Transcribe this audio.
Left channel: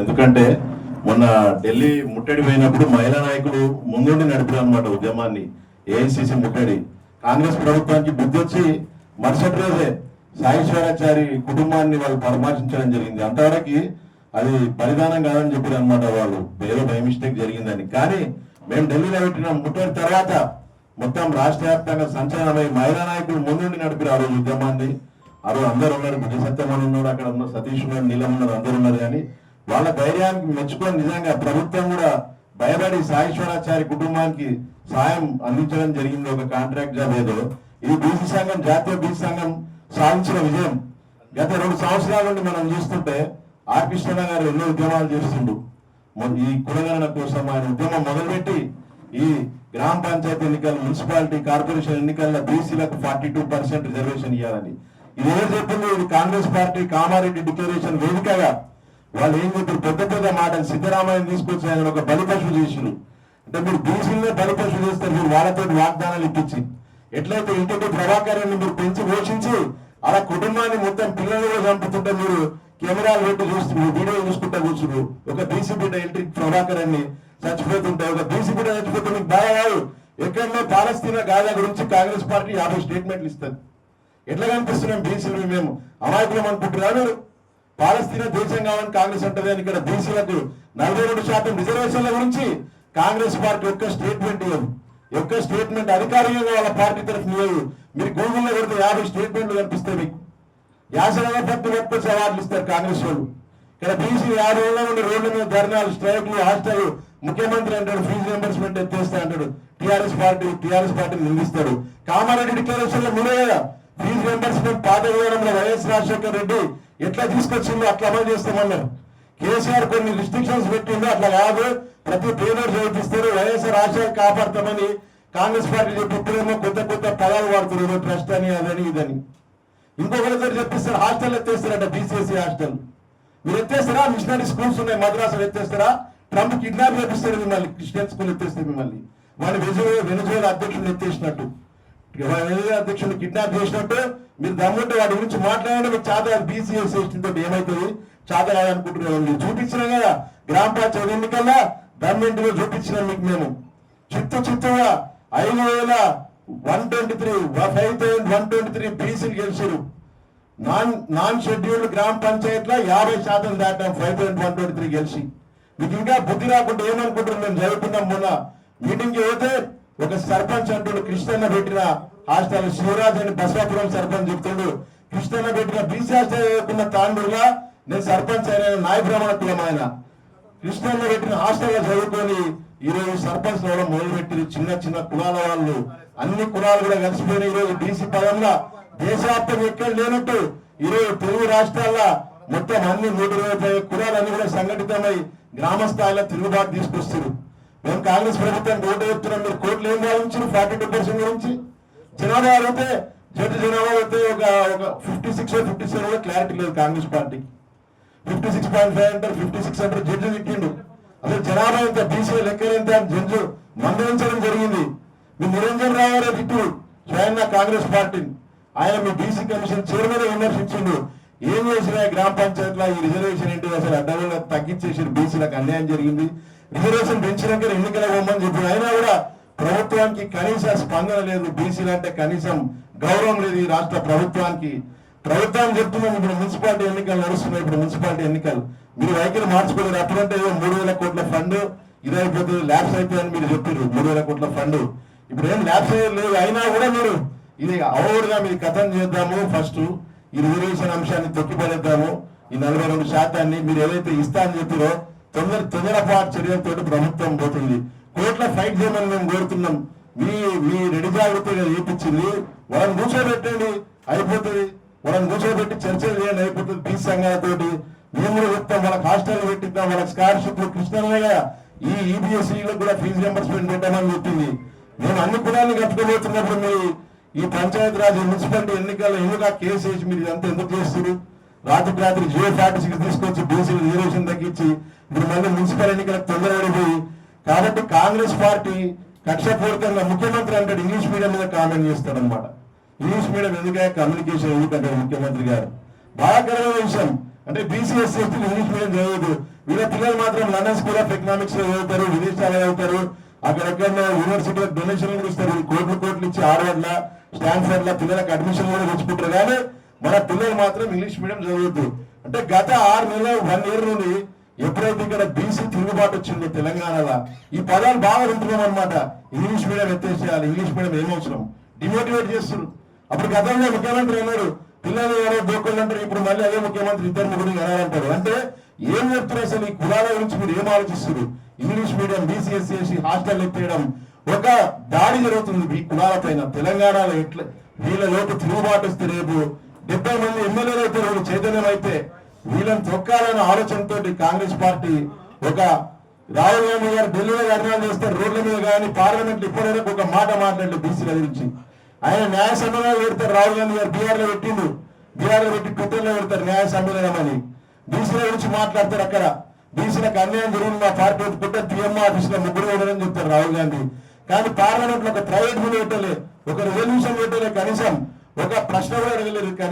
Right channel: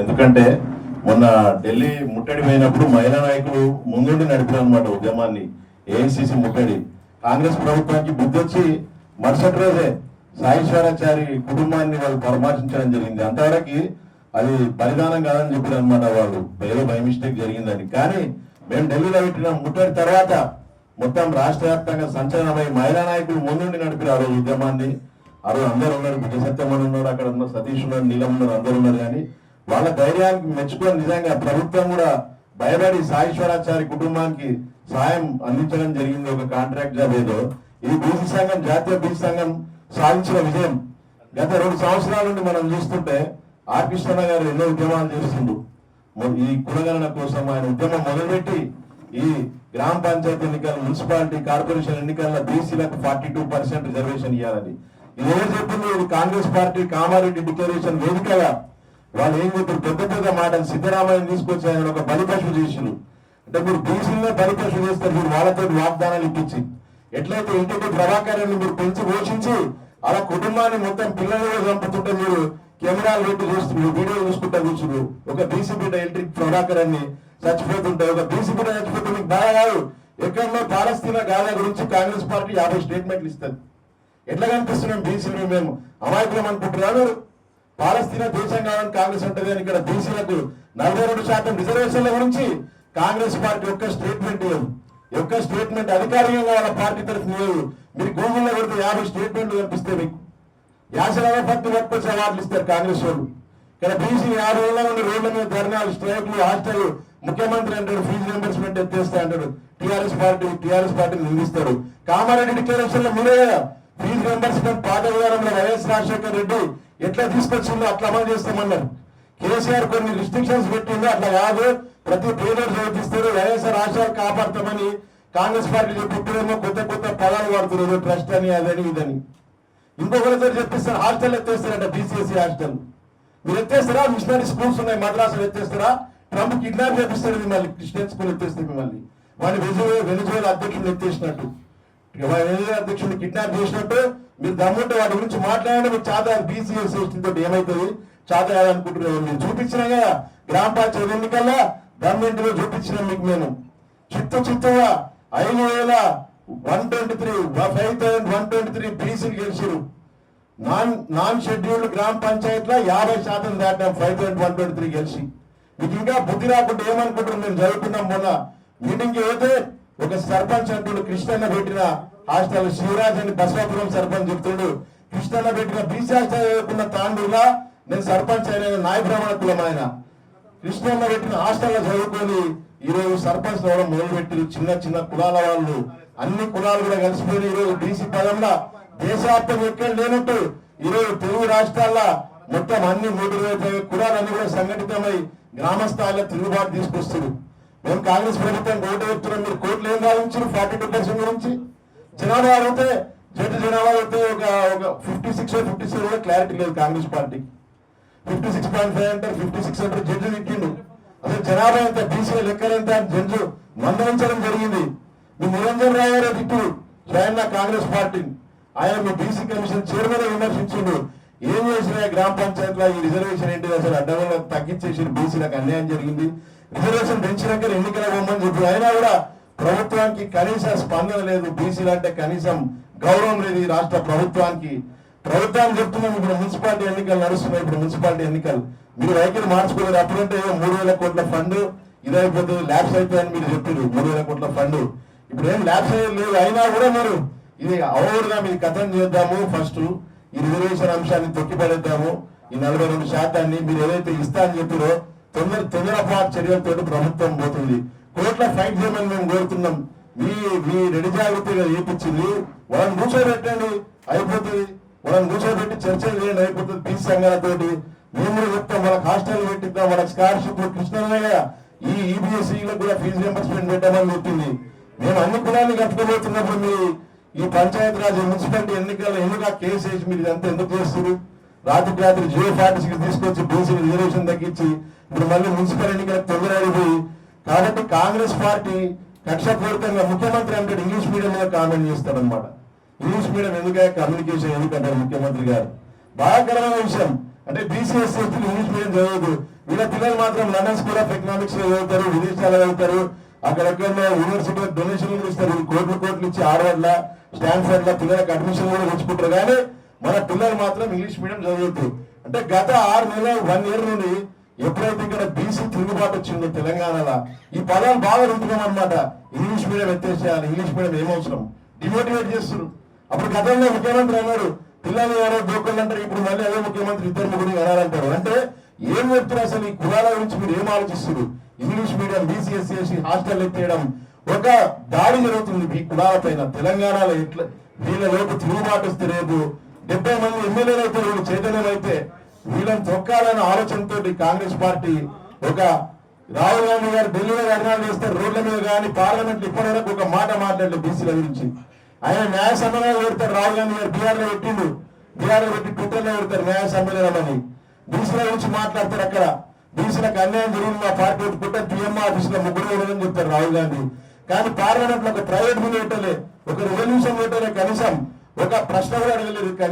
ఎందుకంటే మొన్న ఢిల్లీ ముట్టడి పోయినప్పుడు మహిళా నాయకులు ముందుండి నడిపారు అనమాట ఉద్యమాన్ని. ఏఐసిసి ముట్టడి కాంగ్రెస్ ప్రభుత్వానికి బుద్ధి వచ్చి మరుసటి రోజే సాయిశ్వరాచారి కుటుంబాన్ని వాళ్ళు పరామర్శించడం జరిగింది. అంతవరకు అది బలిదానం కాదని చెప్పారు అనమాట. వాళ్ళు ఏదో బై మిస్టేక్ జరిగిందని. కానీ మేము ఢిల్లీలో పెట్టిన ముట్టడి తర్వాత మొత్తం రాష్ట్ర వ్యాప్తంగా సంచలనమై మహిళా నాయకులు ముందుండి నడిపారు ఆ రోజు ఉద్యమాన్ని. ఆ రోజు అందరూ ఉన్నారు, బుద్ధ సత్యమని ఉన్నారు, అక్కడ ఉన్న సతీష్ ఉన్నారు, నీలం ఉన్నారు, అందరూ ఉన్నారు. కానీ వాళ్ళ ధైర్యానికి మెచ్చుకొని నిజంగా ప్రభుత్వం కూడా భయపడి సాయేశ్వరాచారి కుటుంబానికి సహాయం అందించడం జరిగింది. ఒక కాంట్రాక్ట్ జాబ్ ఏదో ఇది బీసీ సంఘం, జాతీయ బీసీ సంఘం సాధించిన విజయం. గత 2 సంవత్సరాల నుండి మనం చూస్తుంటే ఆర్ కృష్ణ గారు ఎన్నో ఉద్యమాలు చేస్తుండు. ఈ కులగణన కోసం ఆయన ఉద్యమం మొదలుపెట్టి ఈ గ్రామ పంచాయతీ ఎన్నికలు, మున్సిపాలిటీ కార్పొరేషన్ ఎన్నికల్లో బీసీలకు 42% రిజర్వేషన్ ఇవ్వాలని ఇది ఎవరు చెప్పింది? ఇది కాంగ్రెస్ పార్టీ కామారెడ్డి డిక్లరేషన్ వేదికగా వాళ్ళు ఏం చెప్పారు? పెద్ద మాటలు సిద్ధరామయ్య తీసుకొచ్చి ఆయన ఒక బలిపశువు చేసిరు. అంటే మీరు బీసీలో బలిపశువు చేస్తారు, మీరు వాళ్ళతో వాగ్దానాలు ఇప్పించి. ఎట్లయితే ఇంటికి ప్రభాకరాన్ని మీరు పెంచి పోషించి అలా కుటుంబాన్ని మొత్తం పిల్లలు చంపుతుంటే మీరు కెమెరాలు పెట్టి చూస్తున్నారు, వీడియోలు చూసుకుంటా కూర్చున్నారు. ఒక బీసీ బిడ్డ ఎలక్ట్రిక్ ప్రభాకరాన్ని చచ్చిపోతుంటే, ఒక బీసీ బిడ్డ చచ్చిపోతే మీకు బాగా కాదు. ఎక్కడో పాలస్తీనా గాజా గురించి కాంగ్రెస్ పార్టీ 50 స్టేట్మెంట్లు ఇస్తారు. ఎట్లా కనిపిస్తున్నాం బీసీలు? మేము అమాయకులం అనుకుంటున్నారు. పాలస్తీనా దేశం కావాలని కాంగ్రెస్ అంటది అని ఇక్కడ బీసీలకు 42% రిజర్వేషన్ల గురించి కాంగ్రెస్ పార్టీ ఒక్క స్టేట్మెంట్ లేదు. ఒక్క స్టేట్మెంట్ అధికారికంగా వాళ్ళ పార్టీ తరఫున లేదు. మీరు గూగుల్లో పెడితే 50 స్టేట్మెంట్లు కనిపిస్తాయి మీకు. యాసరాల పట్టి పట్టుకొచ్చి అవార్డులు ఇస్తారు కాంగ్రెస్ వాళ్ళు. ఇక్కడ బీసీ 6 ఏళ్ల నుండి రోడ్ల మీద ధర్నాలు, స్ట్రైక్లు, హాస్టల్. ముఖ్యమంత్రి అంటాడు ఫీజు రియంబర్స్మెంట్ ఎత్తేస్తే అంటాడు. టీఆర్ఎస్ పార్టీని నిందిస్తాడు. కామారెడ్డి డిక్లరేషన్ లో మీరే ఫీజు రియంబర్స్మెంట్ పాత విధానంలో వైఎస్ రాజశేఖర రెడ్డి ఎట్లా తీసుకొచ్చిందో అట్లా అమలు చేస్తామన్నారు. కేసీఆర్ కొన్ని రిస్ట్రిక్షన్స్ పెట్టిందో అట్లా కాదు, ప్రతి పేదోడు చదివిస్తారు, వైఎస్ఆర్ ఆశయాలు కాపాడతామని కాంగ్రెస్ పార్టీ చెప్పిప్పుడేమో కొత్త పదాలు వాడుతున్నారు, ట్రస్ట్ అని అదని ఇదని. ఇంకొకరితో చెప్పిస్తారు హాస్టల్ ఎత్తేస్తారట, బీసీఎస్సీ హాస్టల్. మీరు ఎత్తేస్తారా? మిషనరీ స్కూల్స్ ఉన్నాయి మద్రాసులు ఎత్తేస్తారా? ట్రంప్ కిడ్నాప్ చేపిస్తారు మిమ్మల్ని, క్రిస్టియన్ స్కూల్ ఎత్తేస్తారు మిమ్మల్ని. వాడిని వెనుజువేలా అధ్యక్షులు ఎత్తేసినట్టు, వెనుజువేలా అధ్యక్షులు కిడ్నాప్ చేసినట్టు. మీరు దమ్ముంటే వాటి గురించి మాట్లాడండి. మీకు చాత బీసీఎస్సీ తోటి ఏమవుతుంది? చాత కాదనుకుంటున్నాం. మీరు చూపించినా కదా గ్రామ పంచాయతీ ఎన్నికల్లో గవర్నమెంట్ లో చూపించినాం మీకు. మేము చిత్తుగా 5,123 బీసీలు గెలిచారు. నాన్ షెడ్యూల్డ్ గ్రామ పంచాయతీలో 50% దాటాం. 5,123 గెలిచి మీకు ఇంకా బుద్ధి రాకుండా ఏమనుకుంటున్నాం? మేము చదువుకున్నాం. మొన్న మీటింగ్ అయితే ఒక సర్పంచ్ అంటుడు, కృష్ణన్న పెట్టిన హాస్టల్ శివరాజ్ అని బసవాపురం సర్పంచ్ చెప్తుండు. కృష్ణన్న పెట్టిన బీసీ హాస్టల్ చదువుకున్న తాండూలా నేను సర్పంచ్ అయిన నాయబ్రాహ్మణ కులం. ఆయన కృష్ణన్న పెట్టిన హాస్టల్లో చదువుకొని ఈరోజు సర్పంచ్ ఎవరో మొదలుపెట్టారు. చిన్న కులాల వాళ్ళు, అన్ని కులాలు కూడా కలిసిపోయిన ఈరోజు బీసీ పదంలో దేశవ్యాప్తంగా ఎక్కడ లేనట్టు ఈరోజు తెలుగు రాష్ట్రాల్లో మొత్తం అన్ని 120 కులాలన్నీ కూడా సంఘటితమై గ్రామ స్థాయిలో తిరుగుబాటు తీసుకొస్తారు. మేము కాంగ్రెస్ ప్రభుత్వానికి ఓటు వేస్తున్నాం. మీరు కోట్లు ఏం భావించారు? 42% గురించి జనాభా అడిగితే జనాభా అయితే ఒక 56-57 కూడా క్లారిటీ లేదు కాంగ్రెస్ పార్టీకి. 56.5 అంటారు, 56 అంటారు. జడ్జి తిట్టిండు. అసలు జనాభా ఎంత, బీసీ లెక్కలు ఎంత జడ్జి మందలించడం జరిగింది. మీ నిరంజన్ రావు గారే తిట్టు స్వయంగా కాంగ్రెస్ పార్టీని. ఆయన మీ బీసీ కమిషన్ చైర్మన్ విమర్శించిండు. ఏం చేసినా గ్రామ పంచాయతీలో ఈ రిజర్వేషన్ ఏంటి? అసలు అడ్డంగా తగ్గించేసి బీసీలకు అన్యాయం జరిగింది. రిజర్వేషన్ పెంచినాక ఎన్నికల పోమని చెప్పి అయినా కూడా ప్రభుత్వానికి కనీస స్పందన లేదు. బీసీలు అంటే కనీసం గౌరవం లేదు ఈ రాష్ట్ర ప్రభుత్వానికి. ప్రభుత్వాన్ని చెప్తున్నాం ఇప్పుడు మున్సిపాలిటీ ఎన్నికలు నడుస్తున్నాయి. ఇప్పుడు మున్సిపాలిటీ ఎన్నికలు మీరు వైఖరి మార్చుకోలేదు. అప్పుడంటే 3,000 కోట్ల ఫండ్ ఇదైపోతుంది, ల్యాబ్స్ అయిపోయాయని మీరు చెప్పారు. 3,000 కోట్ల ఫండ్ ఇప్పుడు ఏం ల్యాబ్స్ లేదు. అయినా కూడా మీరు ఇది అవరుగా మీరు కథం చేద్దాము, ఫస్ట్ ఈ రిజర్వేషన్ అంశాన్ని తొక్కిపడేద్దాము, ఈ 42% మీరు ఏదైతే ఇస్తా అని చెప్పారో తొందరపాటు చర్యలతో ప్రభుత్వం పోతుంది. కోర్టులో ఫైట్ చేయమని మేము కోరుతున్నాం. మీ రెడీ జాగ్రత్తగా చేపించింది. వాళ్ళని కూర్చోబెట్టండి, అయిపోతుంది. వాళ్ళని కూర్చోబెట్టి చర్చలు చేయండి, అయిపోతుంది. బీసీ సంఘాలతోటి మేము కూడా చెప్తాం. వాళ్ళకి హాస్టల్ పెట్టిద్దాం, వాళ్ళకి స్కాలర్షిప్లు. కృష్ణయ్య ఈ ఈబీఎస్సీలకు కూడా ఫీజు రియంబర్స్మెంట్ పెట్టామని చెప్పింది. మేము అన్ని కులాన్ని కట్టుకోబోతున్నప్పుడు మీ ఈ పంచాయతీరాజ్ మున్సిపాలిటీ ఎన్నికల్లో ఎందుకు ఆ కేసు వేసి మీరు ఇదంతా ఎందుకు చేస్తారు? రాత్రి J46 తీసుకొచ్చి బీసీ రిజర్వేషన్ తగ్గించి ఇప్పుడు మళ్ళీ మున్సిపల్ ఎన్నికలకు తొందరపడిపోయి. కాబట్టి కాంగ్రెస్ పార్టీ కక్షపూరితంగా ముఖ్యమంత్రి అంటే ఇంగ్లీష్ మీడియం మీద కామెంట్ చేస్తాడనమాట. ఇంగ్లీష్ మీడియం ఎందుకంటే కమ్యూనికేషన్ ఎందుకంటారు ముఖ్యమంత్రి గారు. బాధాకరమైన విషయం. అంటే బీసీ ఎస్సీ ఇంగ్లీష్ మీడియం చదవదు, వీళ్ళ పిల్లలు మాత్రం లండన్ స్కూల్ ఆఫ్ ఎకనామిక్స్ లో చదువుతారు, విదేశాల్లో చదువుతారు, అక్కడెక్కడ యూనివర్సిటీ డొనేషన్లు కూడా ఇస్తారు, కోట్లు ఇచ్చి హార్వర్డ్ లా స్టాన్ఫర్డ్ లా పిల్లలకు అడ్మిషన్ కూడా తెచ్చుకుంటారు. కానీ మన పిల్లలు మాత్రం ఇంగ్లీష్ మీడియం చదువుతారు. అంటే గత 6 నెలలు 1 ఇయర్ నుండి ఎప్పుడైతే ఇక్కడ బీసీ తిరుగుబాటు వచ్చిందో తెలంగాణలో ఈ పదాలు బాగా వింటున్నాం అనమాట. ఇంగ్లీష్ మీడియం ఎత్తేసేయాలి, ఇంగ్లీష్ మీడియం ఏమవసరం డిమోటివేట్ చేస్తారు. అప్పుడు గతంలో ముఖ్యమంత్రి అన్నాడు పిల్లలు ఎవరో దోకళ్ళు అంటారు, ఇప్పుడు మళ్ళీ అదే ముఖ్యమంత్రి 2 అనాలంటారు. అంటే ఏం చెప్తున్నారు అసలు? ఈ కులాల గురించి మీరు ఏం ఆలోచిస్తారు? English medium BC SC SC hostel ఎత్తేయడం ఒక దాడి జరుగుతుంది ఈ కులాల పైన. తెలంగాణలో ఎట్లా వీళ్ళలోకి తిరుగుబాటు వస్తే రేపు 70 మంది ఎమ్మెల్యేలు అయితే వీళ్ళు చైతన్యం అయితే వీళ్ళని తొక్కాలన్న ఆలోచనతో కాంగ్రెస్ పార్టీ ఒక రాహుల్ గాంధీ గారు ఢిల్లీలో ధర్నాలు చేస్తారు, రోడ్ల మీద కానీ పార్లమెంట్ ఇప్పటివరకు ఒక మాట మాట్లాడలేదు బీసీల గురించి. ఆయన న్యాయ సమ్మేళనం పెడతారు. రాహుల్ గాంధీ గారు బీహార్ లో పెట్టిండు, బీహార్ లో పెట్టి ట్విట్టర్ లో పెడతారు న్యాయ సమ్మేళనం అని. బీసీల గురించి మాట్లాడతారు. అక్కడ బీసీలకు అన్యాయం జరిగింది మా పార్టీ పెట్టుకుంటే పిఎం ఆఫీస్ లో 3 వేలని చెప్తారు రాహుల్ గాంధీ. కానీ పార్లమెంట్ లో ఒక ప్రైవేట్ బిల్ పెట్టలే, ఒక రెవల్యూషన్ పెట్టలే, కనీసం ఒక ప్రశ్న కూడా అడగలేదు. కనీసం